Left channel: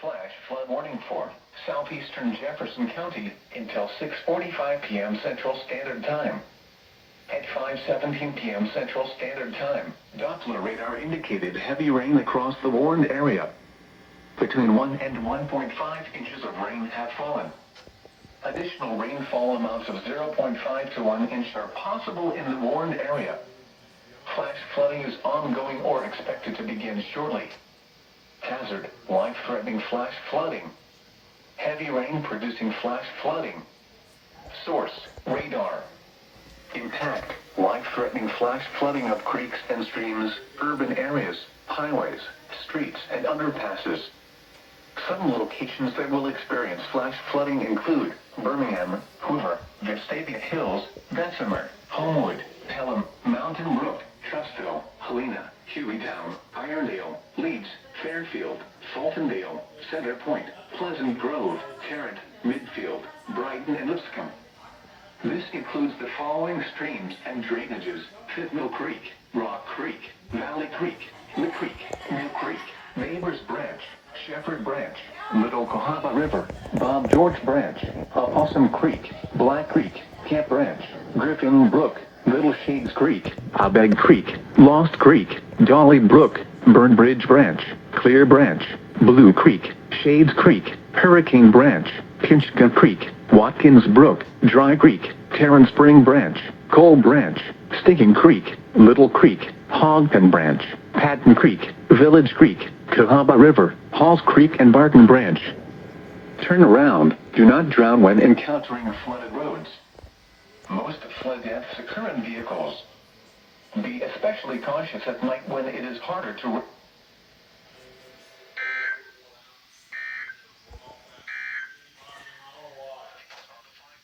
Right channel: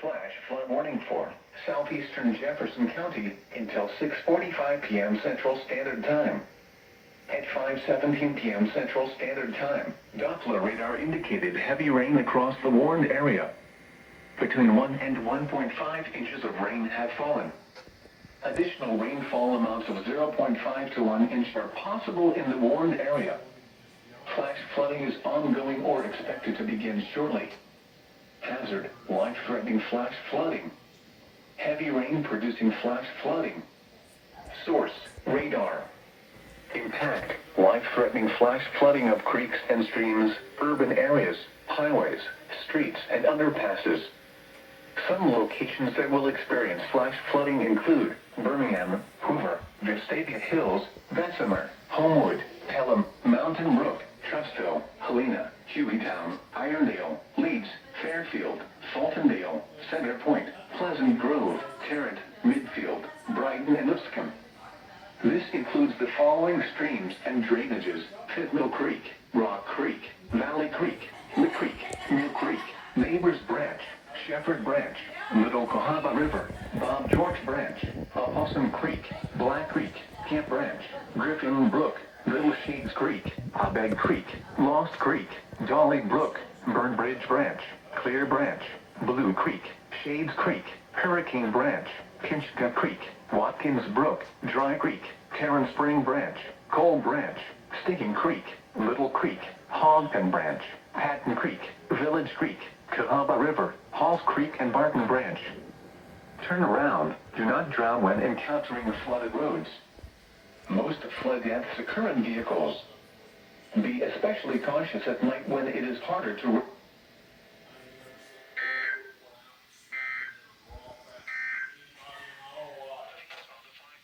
flash flood warning for southeastern Jefferson County until 6:45 p.m. Central Standard Time. At 5:17 p.m. Central Standard Time, Doppler radar indicated heavy rain across the warned area. Between 1 and 1.5 inches of rain have fallen. Additional rainfall amounts of 0.5 to 1 inch are possible in the warned area. Flash flooding is ongoing or expected to begin shortly. Hazard: life-threatening flash flooding. Heavy rain producing flash flooding. Source: radar. Impact: life-threatening flash flooding of creeks and streams, urban areas, highways, streets, and underpasses. Some locations that will experience flash flooding include Birmingham, Hoover, Vestavia Hills, Bessemer, Homewood, Pelham, Mountain Brook, Trustville, Helena, Hueytown, Irondale, Leeds, Fairfield, Fultondale, Center Point, Pleasant Grove, Tarrant, Midfield, Brighton, and Lipscomb. This includes the following streams and drainages: Fifth Mill Creek, Rock Creek, Valley Creek, Lick Creek, New Creek, Neighbors Branch, Shepherd Branch, Little Cahaba River, Bob George Branch, Opossum Creek, Black Creek, Camp Branch, Griffin Brook, Little Shades Creek, Abeg Creek, Lost Creek, Dolly Brook, Burn Bridge Branch, Clear Branch, Blue Creek, Shades Creek, Hurricane Branch, Pinchga Creek, Watkins Brook, Dry Creek, Tarrant Spring Branch, Cole Branch, Stinking Creek, Little Creek, Hogpen Branch, Patton Creek, Village Creek, Cahaba River, Halls Creek, and Barton Branch. Turn around. Do not drown when encountering flooded roads. Most flood deaths occur in vehicles. Be especially cautious at night when it is harder to